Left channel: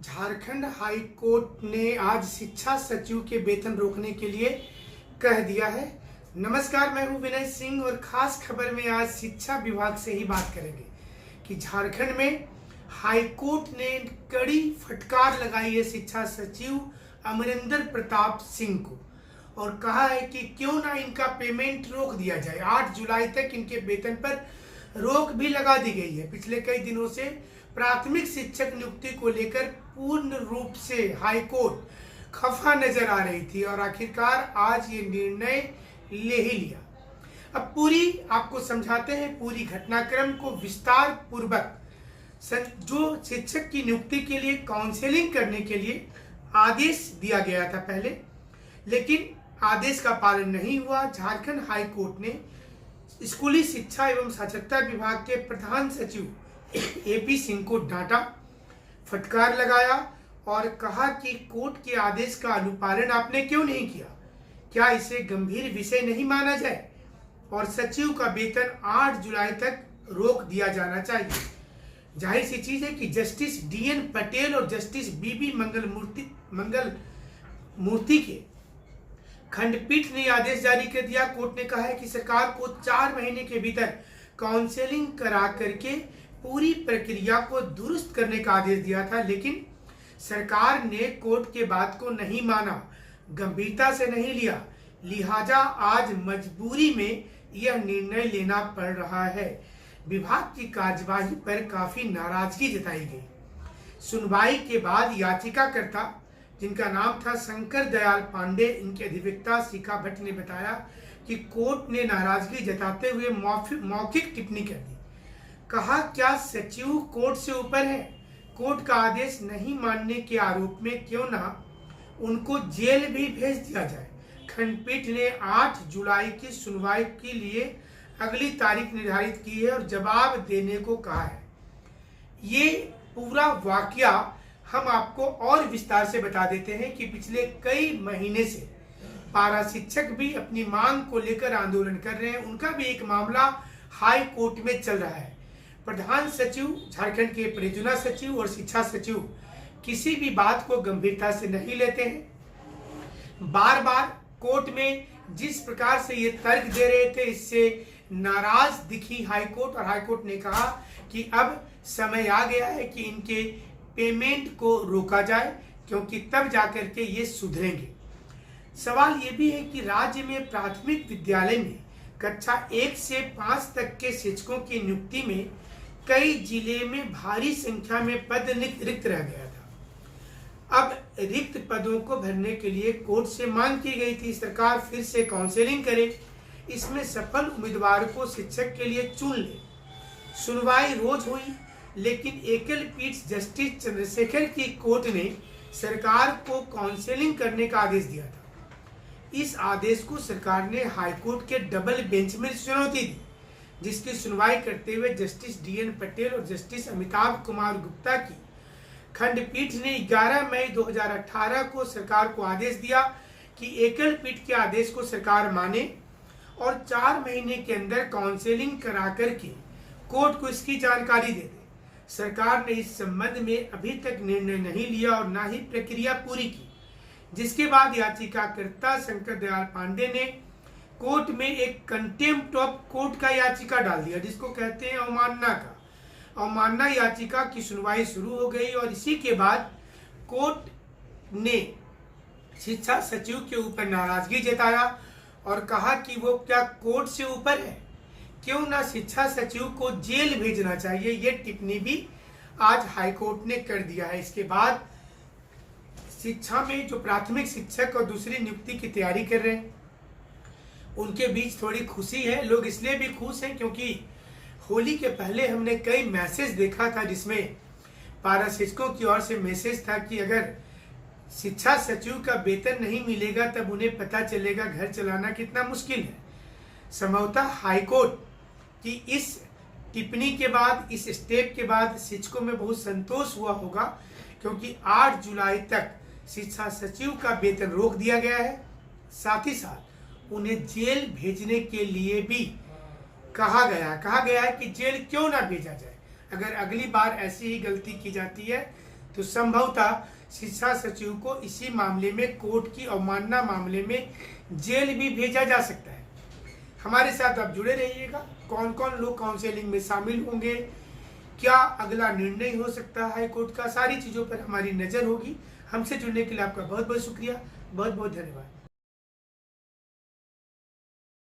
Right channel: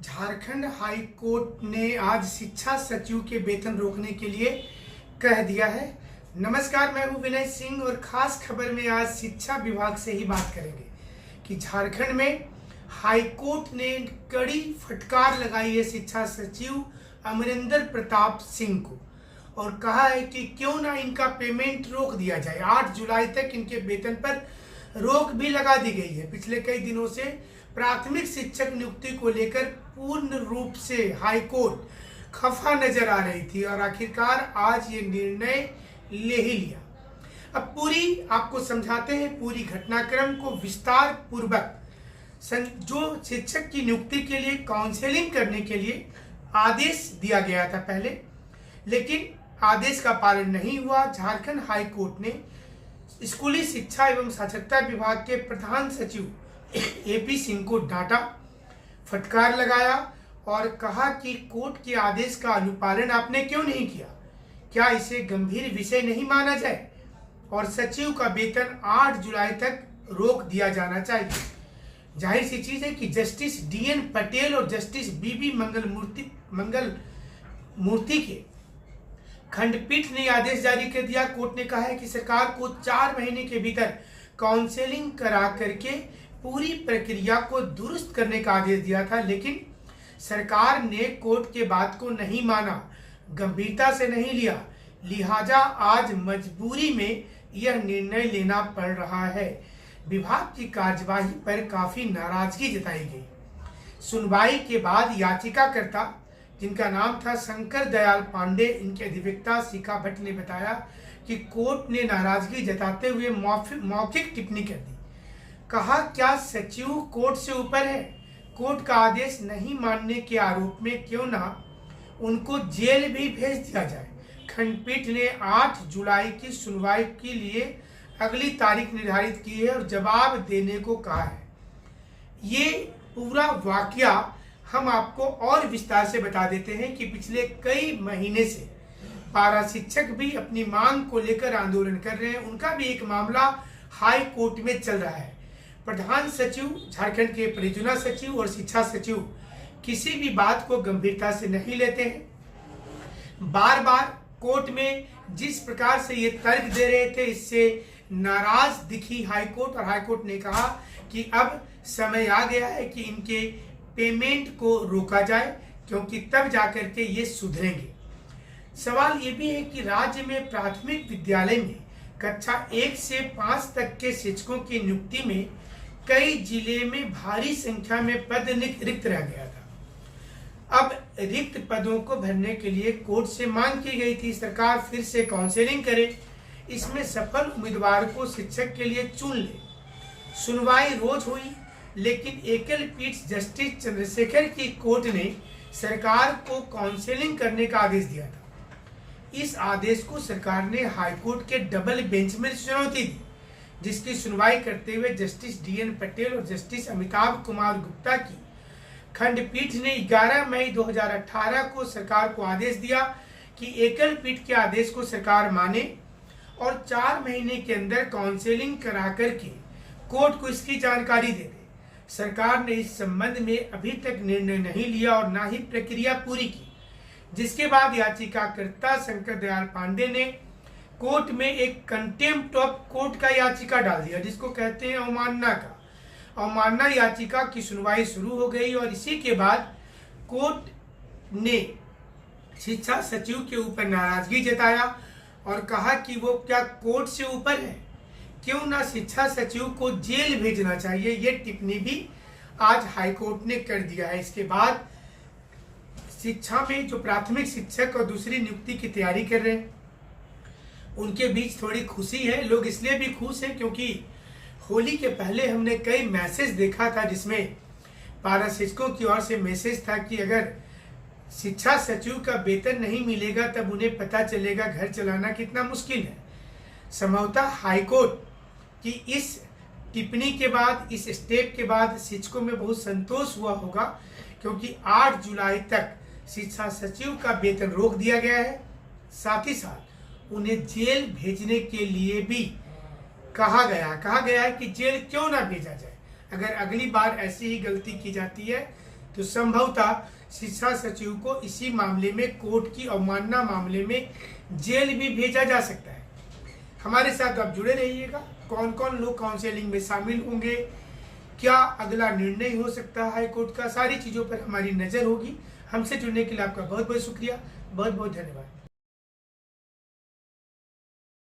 Jharkhand high court ने आज शिक्षा सचिव के वेतन रोकने के लिए कह दिया है। नमस्कार, मैं हूं विनय सिंह और खास खबर में आज शिक्षा विभाग से ही बात करेंगे कि झारखंड में हाई कोर्ट ने कड़ी फटकार लगाई है शिक्षा सचिव अमरिंदर प्रताप सिंह को और कहा है कि क्यों ना इनका पेमेंट रोक दिया जाए। 8 जुलाई तक इनके वेतन पर रोक भी लगा दी गई है। पिछले कई दिनों से प्राथमिक शिक्षक नियुक्ति को लेकर पूर्ण रूप से हाई कोर्ट खफा नजर आ रही थी और आखिरकार आज ये निर्णय ले ही लिया। अब पूरी आपको समझाते हैं पूरी घटनाक्रम को विस्तार पूर्वक। जो शिक्षक की नियुक्ति के लिए काउंसलिंग करने के लिए आदेश दिया गया था पहले, लेकिन आदेश का पालन नहीं हुआ। झारखंड हाई कोर्ट ने स्कूली शिक्षा एवं साक्षरता विभाग के प्रधान सचिव एपी सिंह को डांटा, फटकार लगाया और कहा कि कोर्ट के आदेश का अनुपालन आपने क्यों नहीं किया, क्या इसे गंभीर विषय नहीं माना जाए और सचिव का वेतन 8 जुलाई तक रोक दिया जाना चाहिए। जाहिर सी चीज है कि जस्टिस डीएन पटेल और जस्टिस बीबी मंगल मूर्ति के खंडपीठ ने आदेश जारी कर दिया। कोर्ट ने कहा है कि सरकार को 4 महीने के भीतर काउंसलिंग करा करके पूरी प्रक्रिया को दुरुस्त करने का आदेश दिया था, लेकिन सरकार ने कोर्ट के बात को नहीं माना, गंभीरता से नहीं लिया। लिहाजा आज मजबूरी में यह निर्णय लेना पड़ रहा है। विभाग की कार्यवाही पर काफी नाराजगी जताई गई। सुनवाई के बाद याचिकाकर्ता, जिनका नाम था शंकर दयाल पांडे, इनके अधिवक्ता शिखा भट्ट ने बताया कि कोर्ट ने नाराजगी जताते हुए मौखिक टिप्पणी कर दी। कहा, क्या सचिव कोर्ट से ऊपर है? कोर्ट का आदेश नहीं मानने के आरोप में क्यों ना उनको जेल भी भेज दिया जाए। खंडपीठ ने 8 जुलाई की सुनवाई के लिए अगली तारीख निर्धारित की है और जवाब देने को कहा है। ये पूरा वाकया हम आपको और विस्तार से बता देते हैं कि पिछले कई महीने से पारा शिक्षक भी अपनी मांग को लेकर आंदोलन कर रहे हैं। उनका भी एक मामला हाई कोर्ट में चल रहा है। प्रधान सचिव, झारखंड के परियोजना सचिव और शिक्षा सचिव किसी भी बात को गंभीरता से नहीं लेते हैं। बार बार कोर्ट में जिस प्रकार से ये तर्क दे रहे थे, इससे नाराज दिखी हाई कोर्ट और हाई कोर्ट ने कहा कि अब समय आ गया है कि इनके पेमेंट को रोका जाए, क्योंकि तब जाकर के ये सुधरेंगे। सवाल ये भी है कि राज्य में प्राथमिक विद्यालय में कक्षा 1 से 5 तक के शिक्षकों की नियुक्ति में कई जिले में भारी संख्या में पद रिक्त रह गया था। अब रिक्त पदों को भरने के लिए कोर्ट से मांग की गई थी सरकार फिर से काउंसलिंग करे, इसमें सफल उम्मीदवार को शिक्षक के लिए चुन ले। सुनवाई रोज हुई, लेकिन एकल पीठ जस्टिस चंद्रशेखर की कोर्ट ने सरकार को काउंसलिंग करने का आदेश दिया था। इस आदेश को सरकार ने हाईकोर्ट के डबल बेंच में चुनौती दी, जिसकी सुनवाई करते हुए जस्टिस डीएन पटेल और जस्टिस अमिताभ कुमार गुप्ता की खंडपीठ ने 11 मई 2018 को सरकार को आदेश दिया कि एकल पीठ के आदेश को सरकार माने और 4 महीने के अंदर काउंसलिंग करा करके कोर्ट को इसकी जानकारी दे दे। सरकार ने इस संबंध में अभी तक निर्णय नहीं लिया और ना ही प्रक्रिया पूरी की, जिसके बाद याचिकाकर्ता शंकर दयाल पांडे ने कोर्ट में एक कंटेम्प्ट ऑफ कोर्ट का याचिका डाल दिया, जिसको कहते हैं अवमानना का। अवमानना याचिका की सुनवाई शुरू हो गई और इसी के बाद कोर्ट ने शिक्षा सचिव के ऊपर नाराजगी जताया और कहा कि वो क्या कोर्ट से ऊपर है, क्यों ना शिक्षा सचिव को जेल भेजना चाहिए। ये टिप्पणी भी आज हाईकोर्ट ने कर दिया है। इसके बाद शिक्षा में जो प्राथमिक शिक्षक और दूसरी नियुक्ति की तैयारी कर रहे हैं, उनके बीच थोड़ी खुशी है। लोग इसलिए भी खुश हैं क्योंकि होली के पहले हमने कई मैसेज देखा था, जिसमें पारा शिक्षकों की ओर से मैसेज था कि अगर शिक्षा सचिव का वेतन नहीं मिलेगा तब उन्हें पता चलेगा घर चलाना कितना मुश्किल है। संभवतः हाईकोर्ट की इस टिप्पणी के बाद, इस स्टेप के बाद शिक्षकों में बहुत संतोष हुआ होगा, क्योंकि 8 जुलाई तक शिक्षा सचिव का वेतन रोक दिया गया है। साथ ही साथ उन्हें जेल भेजने के लिए भी कहा गया है कि जेल क्यों ना भेजा जाए। अगर अगली बार ऐसी ही गलती की जाती है तो संभवतः शिक्षा सचिव को इसी मामले में कोर्ट की अवमानना मामले में जेल भी भेजा जा सकता है। हमारे साथ आप जुड़े रहिएगा। कौन कौन लोग काउंसलिंग में शामिल होंगे, क्या अगला निर्णय हो सकता है कोर्ट का, सारी चीज़ों पर हमारी नज़र होगी। हमसे जुड़ने के लिए आपका बहुत बहुत शुक्रिया, बहुत बहुत धन्यवाद।